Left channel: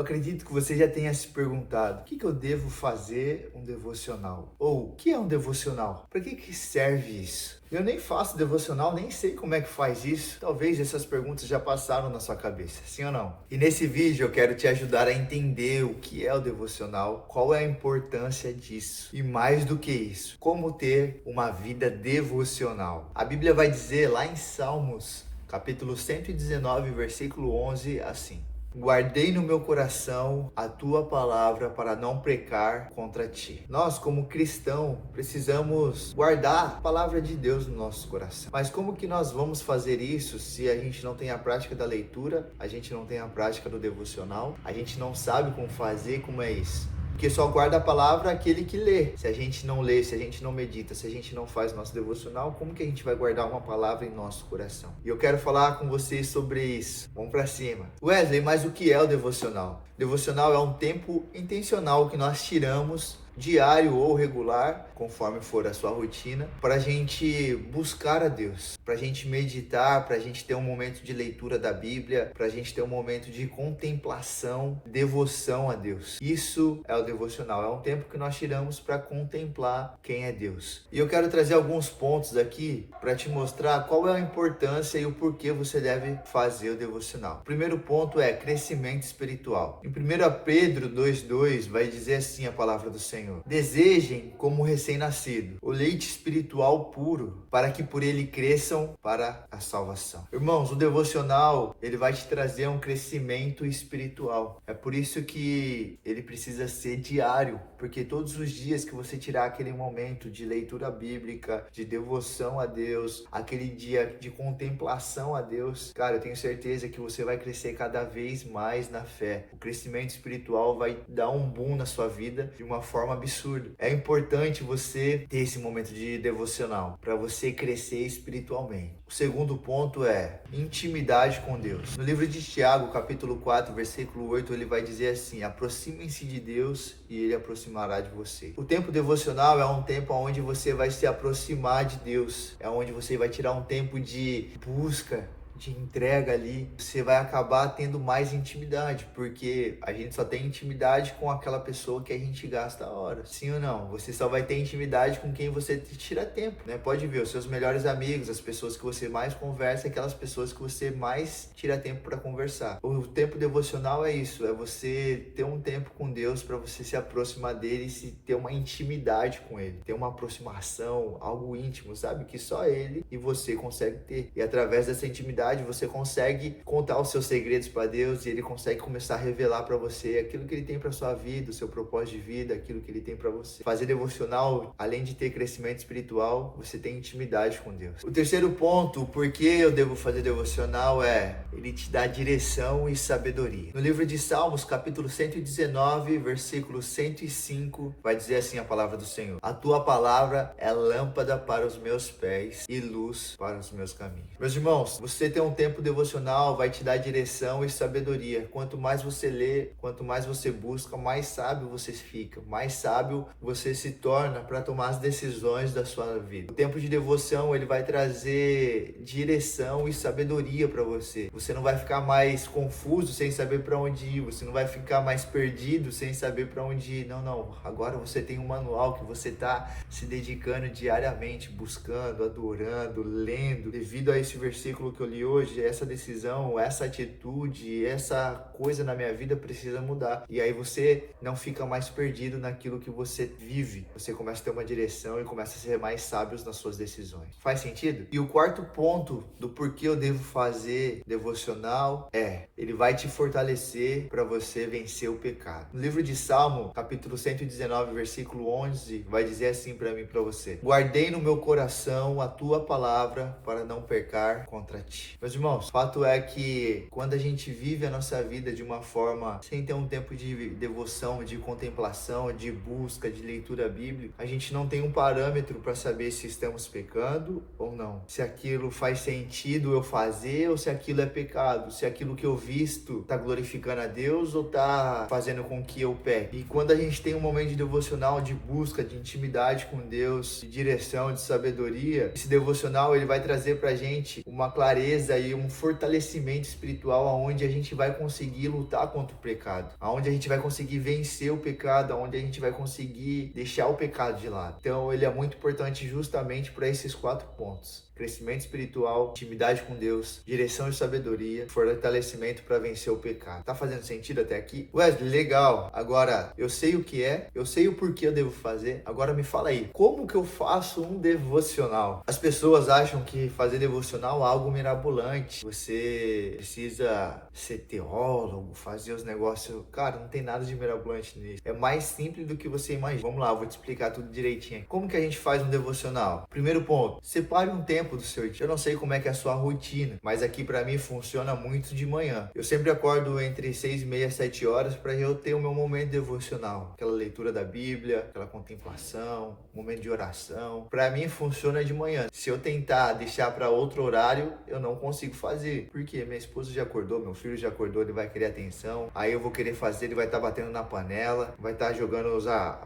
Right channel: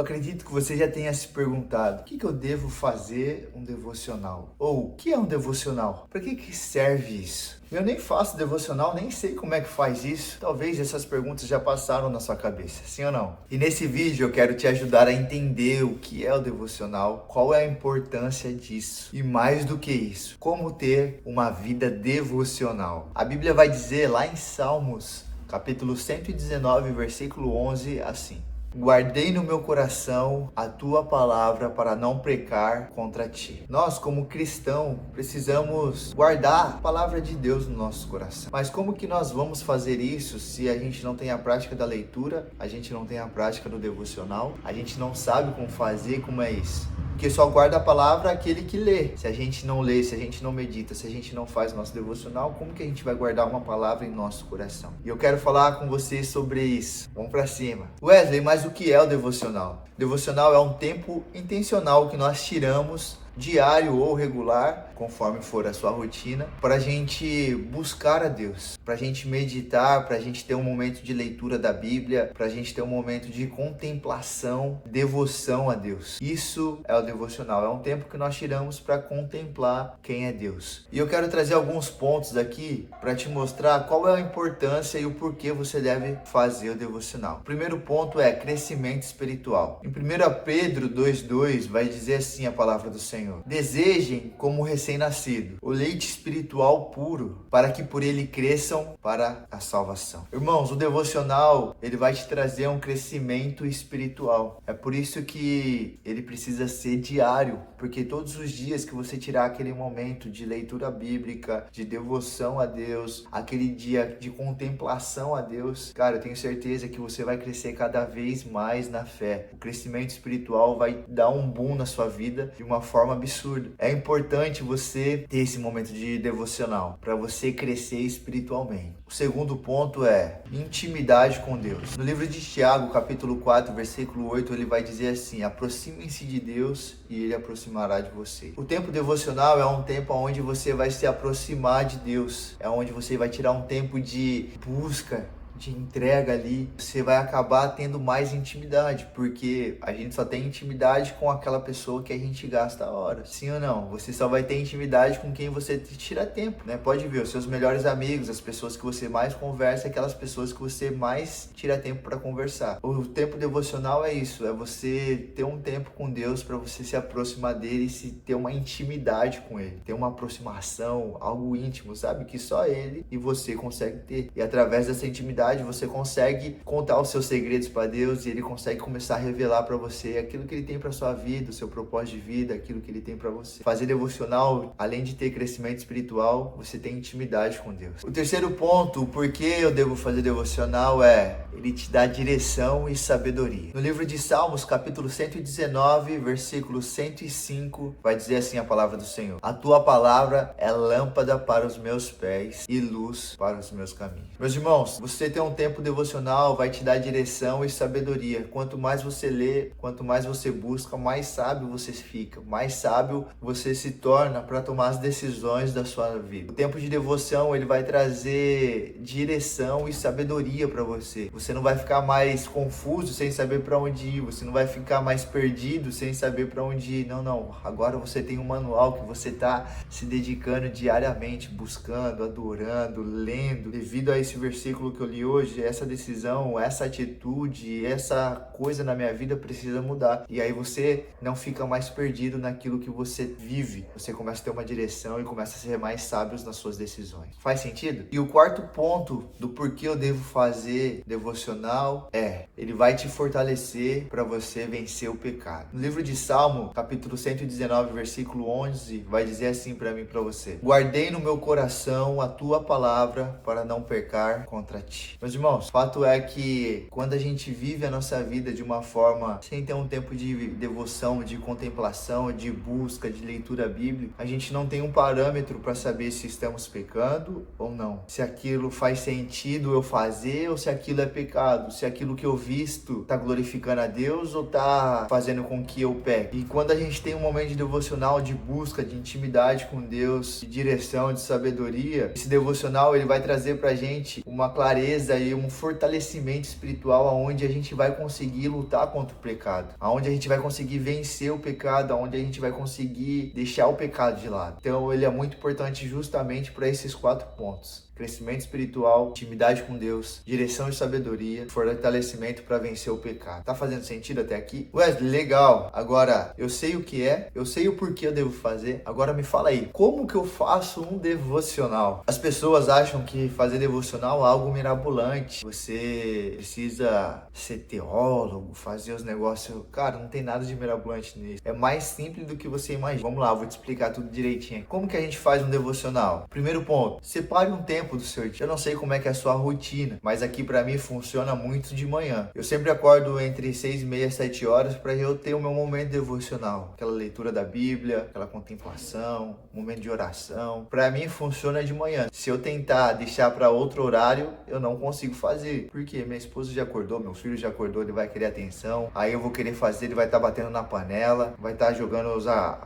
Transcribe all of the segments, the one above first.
Eu acredito que você já tenha se perguntado: o que eu devo fazer um devocional? Ou o que é um devocional? Para que serve isso? Eu nem faço devocional, nem sei como é que faz isso. Talvez essas perguntas já passaram na sua cabeça, sim ou não? E nesse vídeo eu quero te ajudar a entender o que é o devocional, qual é a importância disso e, mais do que isso, como ter uma vida devocional. A Bíblia vai dizer lá em Salmos, capítulo 119, versículo 11, assim: guardei no meu coração a tua palavra para não pecar contra ti. Nós, como cristãos, precisamos guardar a palavra de Deus no nosso coração. Mas como que nós vamos fazer isso se a gente não tem a prática da leitura, a gente não tem a prática do devocional, a gente não sabe como fazer, como é isso? Porque só guarda a palavra aquele que lê. Se a gente não lê, se a gente não medita, se a gente não faz nosso devocional, como que a gente vai guardar uma palavra em nosso coração? E eu quero falar com vocês sobre isso. Vamos pra cima. Wesley, mas o que é o devocional? Devocional é um tempo intencional que nós tiramos, diário ou regular, conforme for a sua rotina, para a gente buscar a Deus, para a gente meditar, para a gente ter um momento de leitura da Bíblia, para a gente ter um momento de contemplação, devoção a Deus. Isso é o devocional, é um tempo que nós tiramos para contemplar quem é Deus. E eu quero trazer alguns pontos aqui para te mostrar qual é a importância e o porquê você deve fazer o devocional. O primeiro ponto é crescimento espiritual. Em 1 Pedro 2,2 vai dizer assim a palavra do Senhor: desejem como recém-nascido o leite espiritual puro, para que por ele cresçam para a salvação. Irmãos, o devocional, ele vai te trazer um crescimento espiritual. É por isso que ele precisa ser diário, porque todos os dias que você tirar aquele momento de leitura bíblica, de devoção a Deus, aquele dia de contemplação a Deus, cara, eu tenho certeza que você vai crescer cada vez mais na fé. O crescimento espiritual vai dar um boom na sua vida de uma forma absurda. É importante você ter esse momento de devocional para você crescer espiritualmente. O segundo ponto é intimidade com Deus. No livro de Tiago, capítulo 4, versículo 8, ele vai dizer assim: aproximem-se de Deus e ele aproximará de você. O tempo devocional é um tempo onde você vai se aproximar de Deus, é onde você vai tirar um tempo de busca, de entrega ali. Você vai acabar tendo mais intimidade, porque a gente só tem intimidade com aquela pessoa que a gente gasta a hora, sim ou não? Você só vai ter intimidade com quem você tira tempo, né? Pode ver, os seus melhores amigos, as pessoas que você mais conversa, aquelas pessoas que você mais tira tempo para conversar. O tempo devocional é isso, é você ter um tempo com Deus para você se aproximar dele e se ter uma intimidade com ele, ter uma aproximação, algo íntimo, sabe? Que só ele e você consegue ter. E através dessa intimidade você consegue contar os seus segredos para Deus e ele consegue começar a revelar para você aquilo que ele tem para sua vida, o seu propósito de vida, aquilo que ele tem para você. Fazer devocional, além de ter crescimento espiritual, você tem intimidade com Deus. O terceiro ponto, por que eu devo fazer devocional, é ele te dá direção e sabedoria. No livro de Salmos, capítulo 119, versículo 105, vai dizer assim a palavra do Senhor: a tua palavra é lâmpada para os meus pés e luz para os meus caminhos. Meus irmãos, você ter um tempo devocional vai te dar direção e sabedoria. Quanto mais você lê, quanto mais você busca, mais sábio você fica, mais sábio você se torna para tomar as decisões da sua vida. O tempo de devoção, ele vai trazer direção e sabedoria para você. Você não vai ficar mais confuso sem saber para onde ir, você não vai ficar mais perdido sem saber para onde ir. Não. Agora você tem um manual que você está se dedicando diariamente, buscando, adorando, lendo. Devido a esse versículo que eu li hoje, essa decisão, essa atitude, essa coisa na minha vida precisa mudar. E aí você não fica mais perdido naquilo que você vive. Você começa a ter uma direção e começa a ser mais sábio nas suas decisões. Faz sentido? E o quarto ponto do porquê eu devo fazer devocional é: ele vai te fortalecer para você vencer o pecado. No livro de Salmo, capítulo 119, versículo 11, vai dizer assim para mim e para você: guardei no meu coração a tua palavra para não pecar contra ti. Meus irmãos, o fato é que quando a gente vive a nossa vida de uma forma sem ter um tempo de devoção, de contemplação, de busca, de leitura bíblica, a gente não tem um parâmetro para saber se estamos pecando ou não. Se aquilo faz sentido eu fazer ou se aquilo é pecado. Se aquilo que eu visto está glorificando a Deus ou está fazendo com que eu peque. E quando a gente tem um momento de devocional, de busca, de intimidade com Deus, de direção, de sabedoria, esse devocional ele vai trazer pra gente uma clareza fortaleza e um fortalecimento espiritual aonde a gente vai conseguir lutar contra o pecado, aonde a gente vai conseguir vencer o pecado, aonde a gente vai conseguir deixar o pecado de lado. Então ele é muito importante justamente para esses 4 pontos: crescimento espiritual, intimidade com Deus, direção e sabedoria, fortalecimento para vencer o pecado. Tá fazendo sentido até aqui? Wesley, legal. Agora, eu sei o que é, eu sei o porquê eu devo fazer. Agora me fala aí, como que eu faço um devocional? As pessoas acham que fazer devocional é algo mirabolante. Você precisa ser teólogo, fazer os negócios. Cara, não tem nada de mirabolante nisso. É mais simples do que você imagina. Vamos lá, eu vou te explicar tudo direitinho. Como que a gente faz um devocional? Primeiro ponto, separe um tempo do seu dia. Eu não sei como é que é a sua rotina, mas aqui para mim funciona muito de manhã. Eu sempre acordo entre 6:30 e 7 horas para eu ter o meu momento devocional, aquela leitura da Bíblia, aquela contemplação, momento de oração. Para mim funciona de manhã. Se eu tentar deixar para outro horário, eu não consigo fazer. Porque minha esposa já acordou, meu filho já acordou, ele vai querer atenção. Aí eu vou querer fazer, ele vai estar batendo na panela, vai estar jogando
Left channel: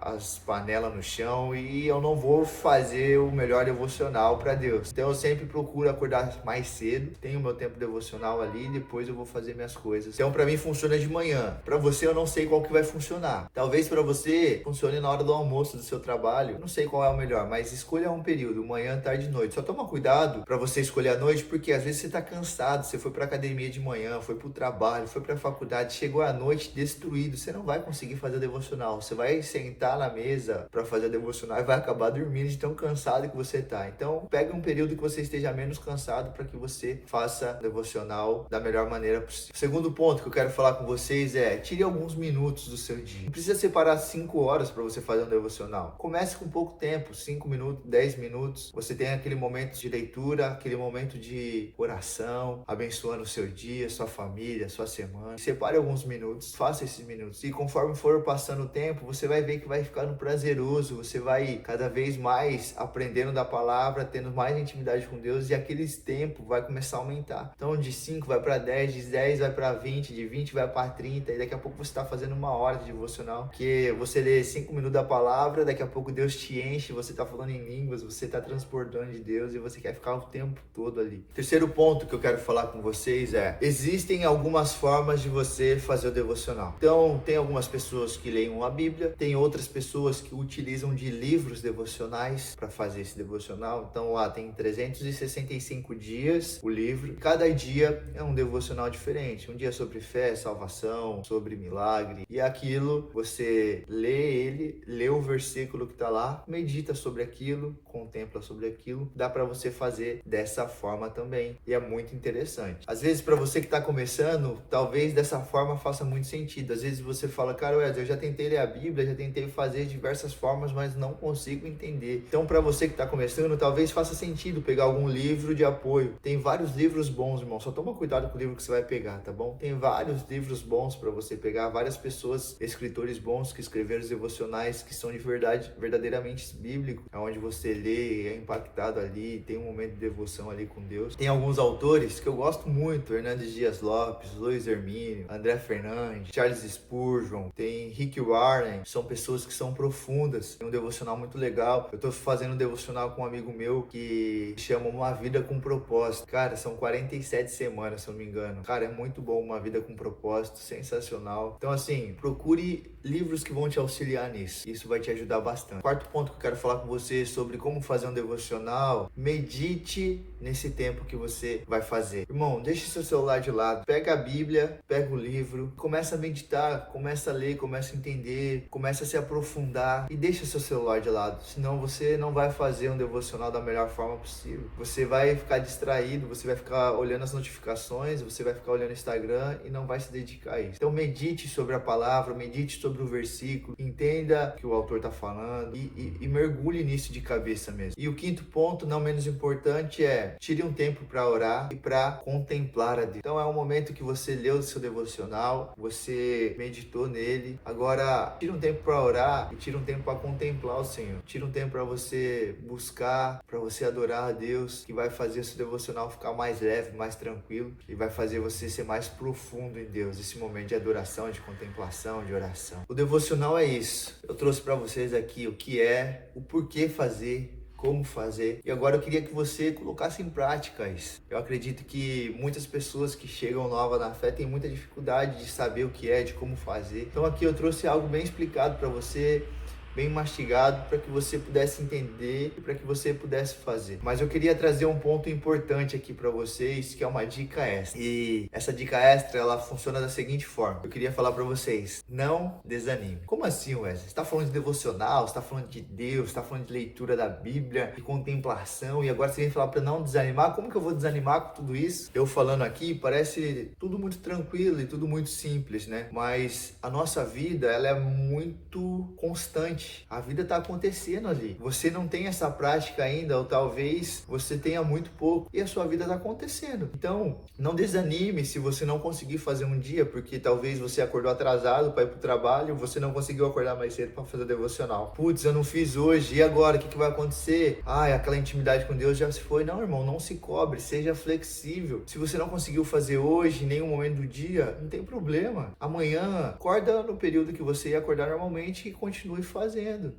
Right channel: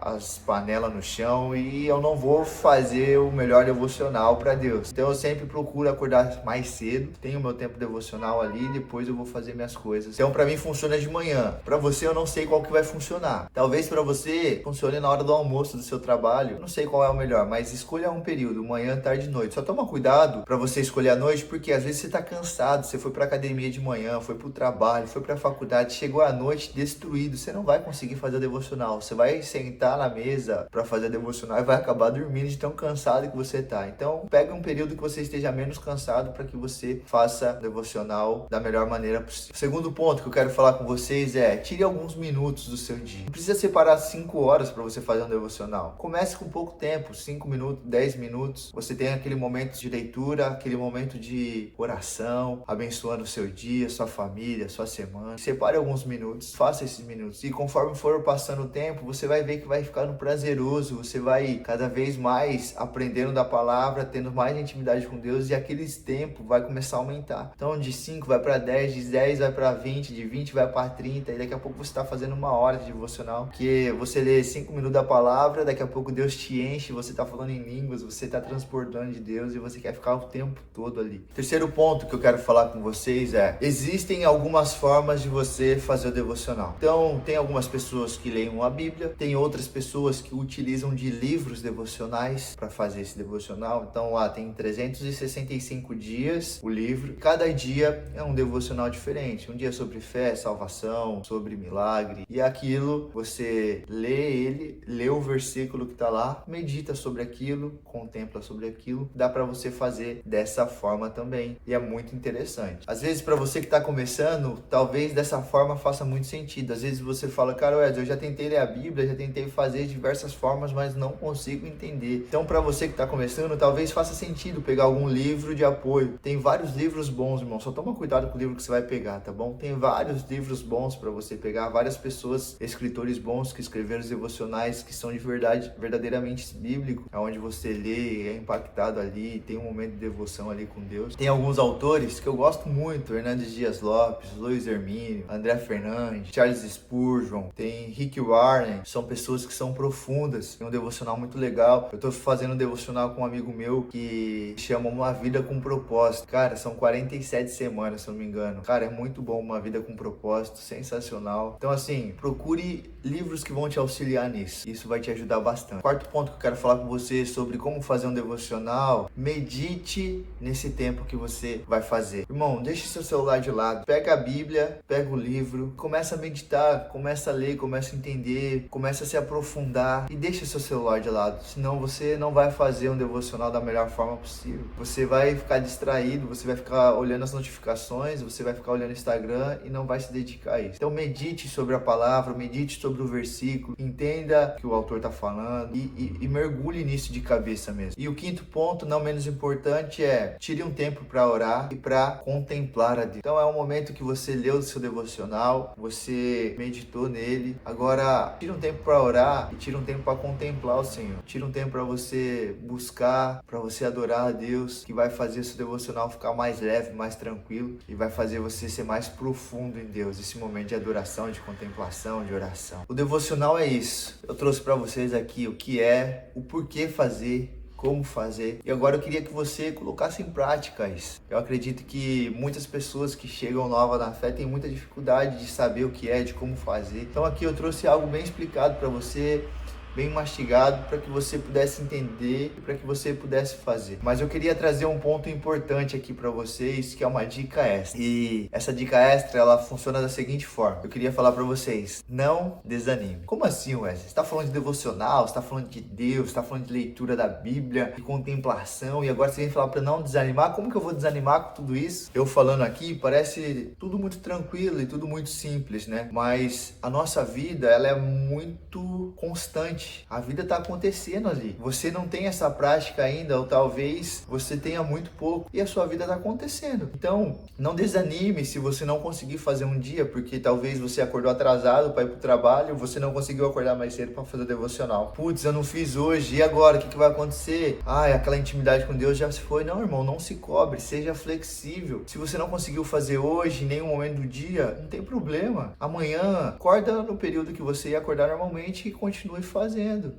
as panelas no chão e eu não vou fazer o melhor devocional para Deus. Então eu sempre procuro acordar mais cedo, tenho meu tempo devocional ali e depois eu vou fazer minhas coisas. Então para mim funciona de manhã. Para você eu não sei qual que vai funcionar. Talvez para você funcione na hora do almoço do seu trabalho. Eu não sei qual é o melhor, mas escolha um período, manhã, tarde e noite. Só toma cuidado para você escolher a noite, porque às vezes você tá cansado, você foi pra academia de manhã, foi pro trabalho, foi pra faculdade, chegou à noite destruído, você não vai conseguir fazer a devocional. Você vai sentar na mesa para fazer a devocional e vai acabar dormindo de tão cansado que você tá. Então pega um período que você esteja menos cansado para que você faça devocional da melhor maneira possível. O segundo ponto que eu quero falar com vocês é: tire alguns minutos do seu dia. Não precisa separar 5 horas para você fazer um devocional. Comece com pouco tempo, 5 minutos, 10 minutos. Você tem aquele momento de leitura, aquele momento de oração, abençoando o seu dia, sua família, sua semana. Separe alguns minutos, faça esses minutos. E conforme for passando o tempo, você vai ver que vai ficando prazeroso, você vai cada vez mais aprendendo da palavra, tendo mais intimidade com Deus, e aqueles tempos vai começar a aumentar. Então de 5 vai para 10, de 10 vai para 20, de 20 vai para 30, e daqui a pouco você está fazendo 1 hora de devocional, que você lê 5 minutos da palavra, daqui a pouco Deus te enche, você está falando em línguas, você está transportando de Deus e você quer ficar o tempo todo ali. Terceiro ponto que eu quero falar com vocês é: existem algumas formas de você fazer o devocional. Então tem algumas pessoas que leem a Bíblia, tem outras pessoas que utilizam de livros devocionais para fazer esse devocional. Então lá tem 365 dias o livro, cada dia é um devocional diferente. Um dia é sobre fé, salvação, sobre milagre, e aquilo você lê ele, lê o versículo que tá lá, medita sobre aquilo, contempla sobre aquilo. Dá para você fazer dessa forma também, e é muito interessante. Às vezes para você que tá começando, talvez dessa forma faça muito sentido. Às vezes você fala: cara, Wesley, eu já tentei ler a Bíblia, já tentei fazer diversas formas, mas não consigo entender. Então para você que tá começando, talvez faça sentido pegar algum livro de apoio. Tem vários livros bons, irmão, só toma cuidado com o livro que você vai pegar, tá bom? Tem vários livros bons para você pegar, várias pessoas, escritores bons que escreveram os devocionais que são de verdade, verdadeiramente bíblicos, onde você lê, é impactado ali, tem um momento de devoção ali com Deus. Tem alguns autores que eu gosto muito: Hernandes Dias Lopes, Luiz Hermínio, André Fernandes, Charles Spurgeon, tem Rick Warren. São pessoas que são profundas, tem um devocional muito legal. Eu tô fazendo um devocional com um amigo meu que chama Uma Vida com Propósito. Cara, são 47 semanas, se eu não me engano. Cara, é muito bom, Uma Vida com Propósito, sensacional. Então assim, procure livros que vão te auxiliar nisso. Isso vai te ajudar bastante. Quarto ponto que eu quero falar com você sobre como fazer um devocional: medite nesse tempo que você vai fazer. Irmão, deixe seu celular de lado, pega a Bíblia, pega o livro, começa a meditar, começa a ler, começa a entender, começa a se aprofundar e deixa seu celular de lado. Senão você não vai fazer um devocional da melhor forma possível. Você vai ficar distraído, você vai ficar olhando as notificações, você vai ficar olhando o Instagram e não vai se dedicar a isso. Então medite sobre a palavra, medite sobre o versículo, entenda o que o autor está falando e mergulhe nisso de cabeça mesmo. E o quinto ponto, não menos importante, é: tire um tempo para orar e para contemplar a Deus. Então é um momento que você leu o seu devocional, você meditou nele. Agora tire um tempo para orar e tire um tempo para contemplar o Senhor. Tire um tempo para você buscar, para você adorar a Deus, que vai fazer o seu devocional ficar mais leve, mais tranquilo, e vai fazer você ser mais profundo em Deus. Esse momento de adoração, de contemplação, de oração. O devocional é isso. Eu trouxe para vocês aqui o que é, o porquê fazer, como fazer. E agora eu queria que você colocasse em prática isso. Eu acredito que muitas pessoas que chegam novas na fé têm muita dificuldade de saber o que é, de como fazer. Então aqui eu trouxe algo bem explicado para você, bem mastigado, para que você pudesse entender e para que você pudesse fazer. Mas eu queria trazer um ponto importante aqui para vocês, que é uma dica extra. E essa dica extra, ela funciona da seguinte forma. Eu queria falar para vocês, não desanime. Como assim, Wesley? Você está falando de devocional, você está falando de Deus, você está falando de leitura da Bíblia, de contemplação, e agora você vem falar para não desanimar? Como que eu vou desanimar com tudo isso? Eu falando aqui, parece tudo muito tranquilo e tudo muito simples, né? Mas a nossa vida, ela é muito constante. A vida está acontecendo ali. Você não tem essa prática ainda, ou talvez você tenha muito pouco, e a sua vida está acontecendo. Então, não desanime se você não conseguir fazer um dia, porque talvez você acordou atrasado para ir para o trabalho, você não conseguiu acordar mais cedo para fazer o devocional. Putz, eu não fiz hoje, e agora? O que vai acontecer? Aquela intimidade com Deus já se foi. Não, irmão, não se cobre, seja flexível. Se você não conseguiu fazer hoje, em nenhum momento do dia, não tem problema. Amanhã, acorda no período que você ia acordar normalmente e continue fazendo.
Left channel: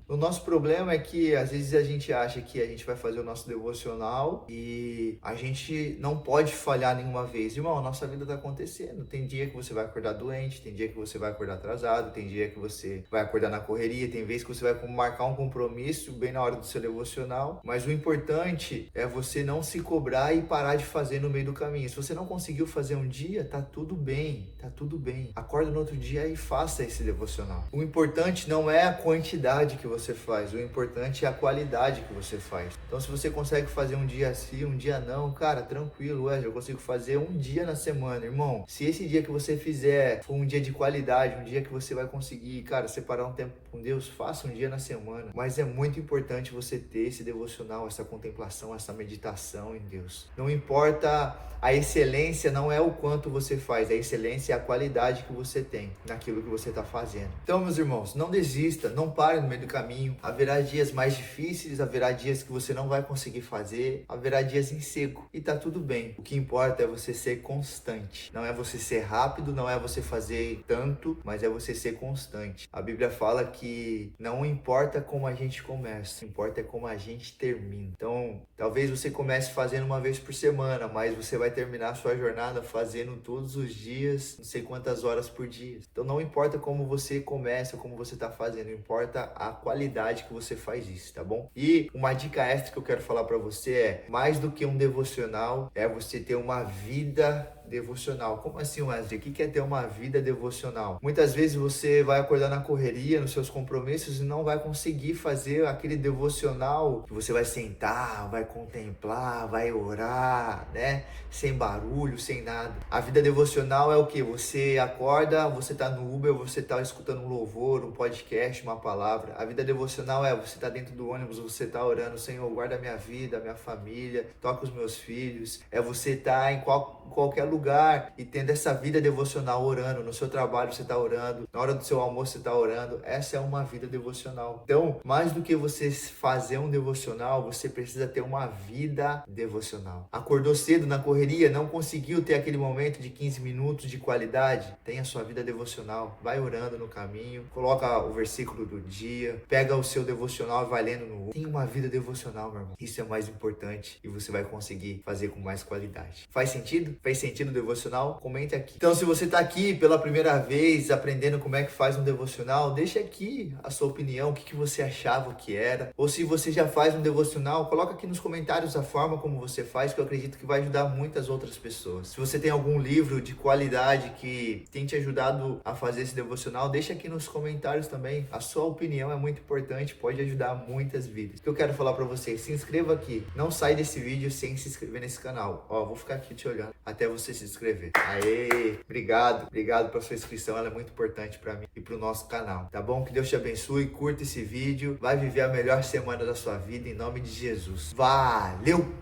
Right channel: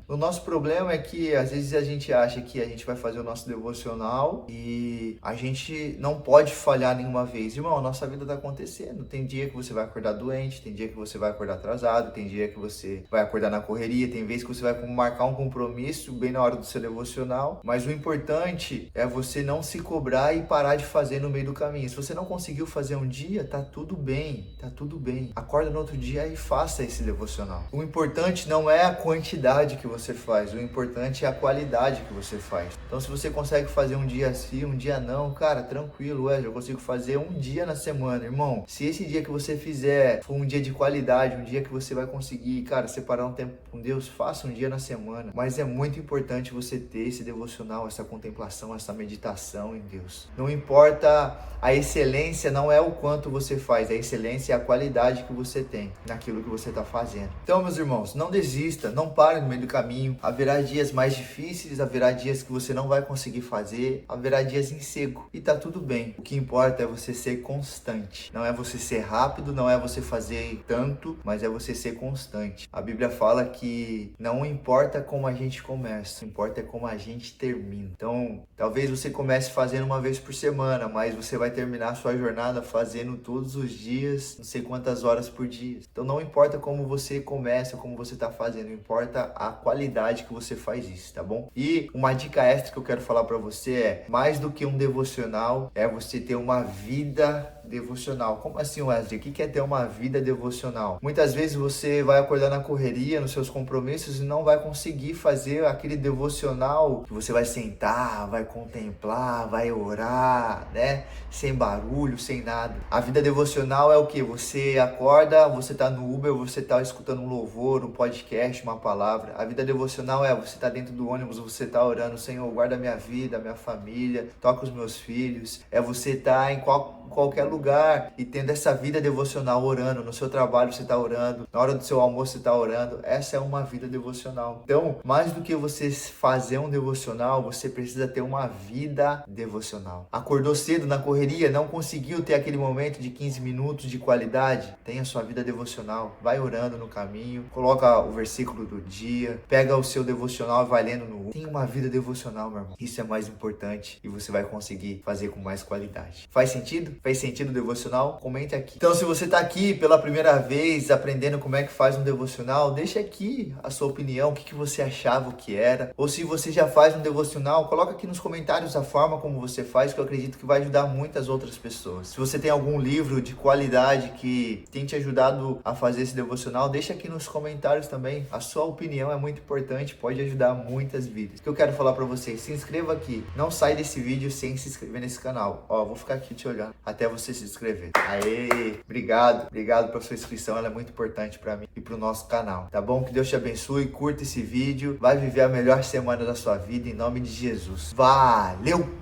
O nosso problema é que às vezes a gente acha que a gente vai fazer o nosso devocional e a gente não pode falhar nenhuma vez. Irmão, a nossa vida está acontecendo. Tem dia que você vai acordar doente, tem dia que você vai acordar atrasado, tem dia que você vai acordar na correria, tem vez que você vai marcar um compromisso bem na hora do seu devocional. Mas o importante é você não se cobrar e parar de fazer no meio do caminho. Se você não conseguiu fazer um dia, tá tudo bem, tá tudo bem. Acorda no outro dia e faça esse devocional. O importante não é a quantidade que você faz, o importante é a qualidade que você faz. Então, se você consegue fazer um dia sim, um dia não, cara, tranquilo, eu consigo fazer um dia na semana, irmão. Se esse dia que você fizer for um dia de qualidade, um dia que você vai conseguir, cara, separar um tempo com Deus, faça um dia na semana. Mas é muito importante você ter esse devocional, essa contemplação, essa meditação em Deus. Não importa a excelência, não é o quanto você faz, a excelência é a qualidade que você tem naquilo que você está fazendo. Então, meus irmãos, não desista, não pare no meio do caminho. Haverá dias mais difíceis, haverá dias que você não vai conseguir fazer, haverá dias em seco e tá tudo bem. O que importa é você ser constante. Não é você ser rápido, não é você fazer tanto, mas é você ser constante. A Bíblia fala que não importa como a gente começa, importa é como a gente termina. Então, talvez você comece fazendo uma vez por semana, mas você vai terminar a sua jornada fazendo todos os dias, não sei quantas horas por dia. Então, não importa como você começa, como você tá fazendo, importa a qualidade que você faz isso, tá bom? E uma dica extra que eu quero falar para você é, mais do que um devocional, é você ter uma vida devocional. Como assim, Wesley? O que é ter uma vida devocional? Muitas vezes você vai acordar na correria, nos seus compromissos e não vai conseguir fazer aquele devocional que você vai sentar, vai contemplar, vai orar, né? Sem barulho, sem nada. A vida devocional é o que? Você acorda, você tá no Uber, você tá escutando um louvor, um podcast, uma palavra. A vida devocional é você tá dentro do ônibus, você tá orando, Senhor, guarda minha vida, minha família, toca os meus filhos. É você tá em qualquer lugar e tendo essa vida devocional, orando. No seu trabalho você tá orando, na hora do seu almoço você tá orando. Essa é uma vida devocional. Então, mais do que você fazer um devocional, você precisa ter uma vida devocional. Acordou cedo na correria, não conseguiu ter aquele momento de 15 minutos de qualidade? Tenha sua vida devocional. Vai orando no caminho, coloca o versículo do dia, pega o seu devocional e vai lendo no... Tenha uma vida devocional, meu irmão. Isso é mais importante e você vai conseguir fazer com mais qualidade. Faz sentido? Faz sentido o devocional? Comente aqui. Então, se você está aqui pela primeira vez aprendendo como é que faz um devocional, deixa aqui a sua opinião, o que você achava que era. Ou se você já faz um devocional, coloca aqui nos comentários a forma como você faz, que eu acredito que vai ajudar muitas outras pessoas. Se você tem algum livro de qualidade que tem te ajudado a fazer esse devocional, deixa aqui nos comentários também. A sua opinião é muito importante, pode ajudar muitas vidas. O que eu quero falar para vocês, se inscreva aqui. Não sai desse vídeo sem se inscrever nesse canal. Ó, vou ficar aqui te olhando até você se inscrever. Aê, obrigado pela sua inscrição, ela é muito importante para mim e para o nosso canal, tá bom? Que Deus te abençoe, curta esse vídeo, vai viver a melhor semana da sua vida em nome de Jesus. Valeu!